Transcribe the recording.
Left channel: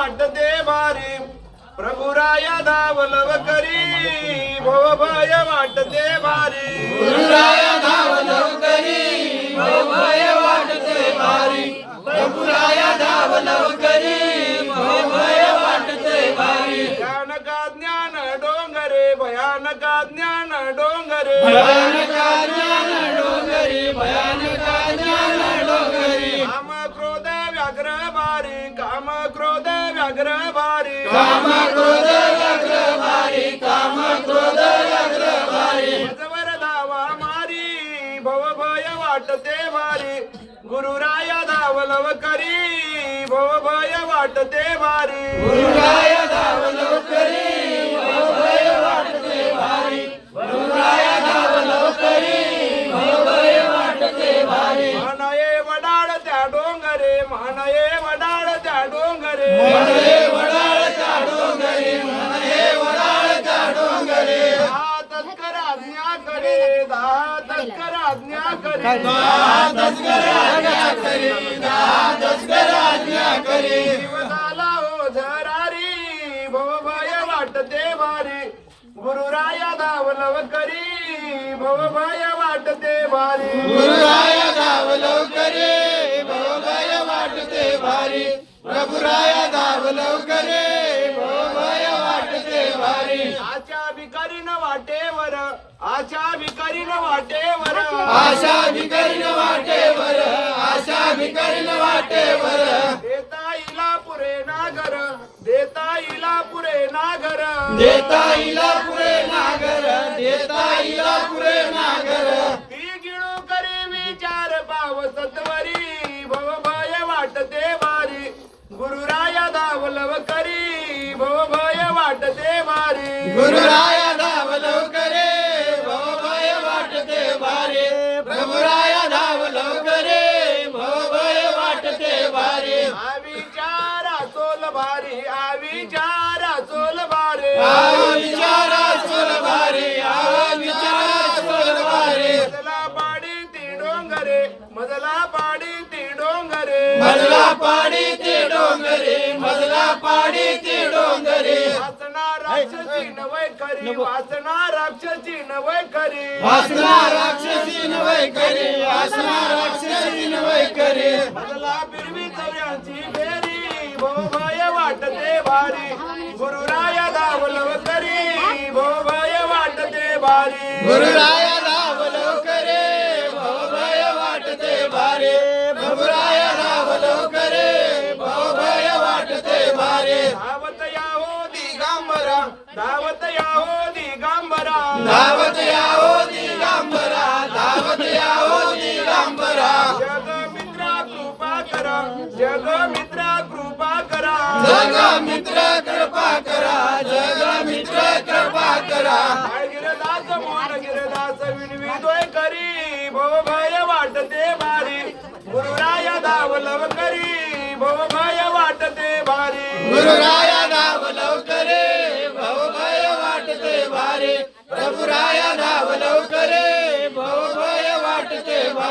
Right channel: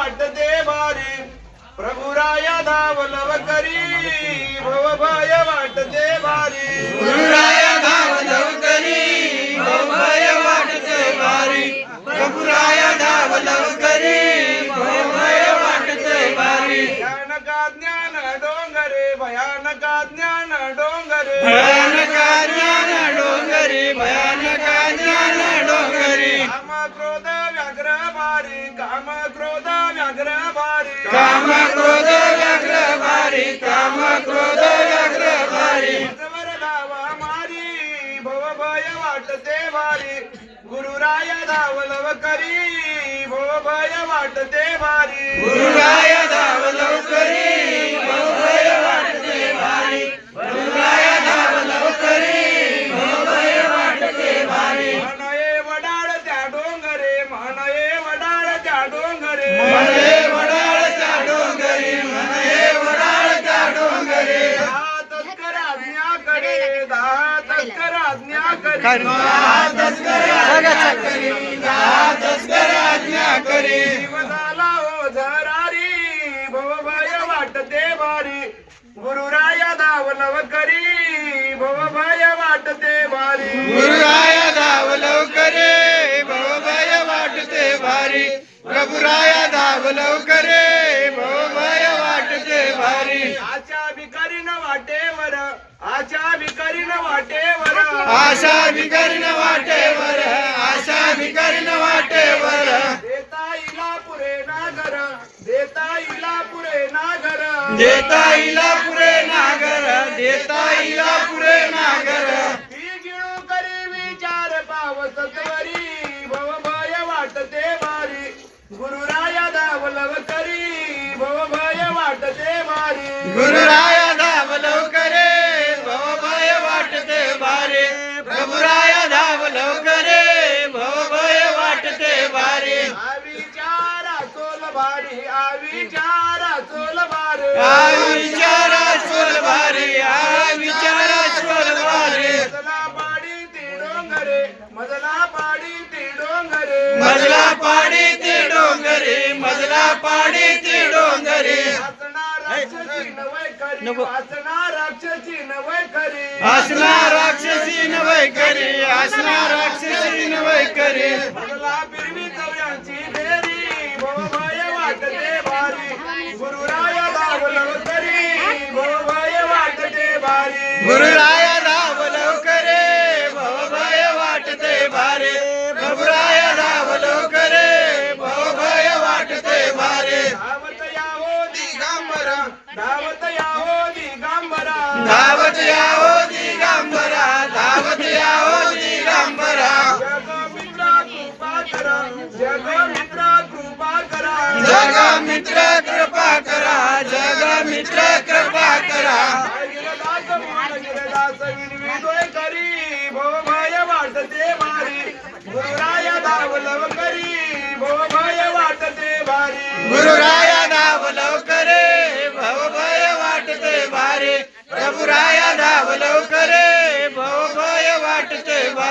वाटते भारी प्रभुराय धावलव करी भव भय वाटते भारी गुरुराय धाव लवकरी भय वाटते भारी प्रभुराय धाव लवकरी भय वाटते भारी भयानका ज्ञान डोंगरे भयानका ज्ञान डोंगरे. भयानका ज्ञान डोंगरी भयानका व्याघ्र भारी काम क्रोध व्याघ्र भारी काम क्रोध व्याघ्र भारी काम क्रोध व्याघ्र भारी मजवर गावा मारी भव भय वाटते भारी. गुरुराय धावलव करी भव भय वाटते भारी. हो झरारी करी भय वाटते भारी गुरुराया धावलव करी भव भय वाटते भारी गुरुराय धाव लवकरे भय वाटते भारी. आशा भिकारी न वाटेवर आशा भिकारी न वाटेवर. आशा भिकरीन वाटेवर आशा भिकरीन वाटेवर. देता इला पुरे नागर देता इला पुरे नागर. देता इला पुरे नागर देता इला पुरे नागर. ती गिळू करी विचार पाव सत्वरी भव भय वाटते भारी गुरुराया धावलव करी भव भय वाटते भारी गुरुराय भारी हा विचारा सोल भारी विचारा सोल भारी. विचारा स्वर भारी विचारा स्वर भारी. मजला पाडी ती डोंगरे मजला पाडी ती डोंगरे. मजला पाडी ते डोंगरे मजला पाडी ते डोंगरे. वासना राक्षसी नवय करी वासना राक्षसी नवय करी. आसना राक्षसी नवय करी आसना राक्षसी नवय करी. मजला भारी गुरुराया धावलं करी भव भय वाटते भारी गुरुराय धाव लवकरे भय वाटते भारे प्रभुराय धाव लवकरे भय वाटते भारे धावत यावो दिगंबरा धावत यावो दिगंबरा. धावत यावो दिगंबरा धावत यावो दिगंबरा. जग मित्रा कृपा करा जग मित्रा करा जगा मित्र कृपा करा जगा मित्र कृपा करा. करी भो वाटते भारी गुरुराया धावलव करी भो भय वाटते भारी गुरुराया धाव लवकरे भव भय वाटते भारे. प्रभुराया धावलव करे भव भय वाटते भारी.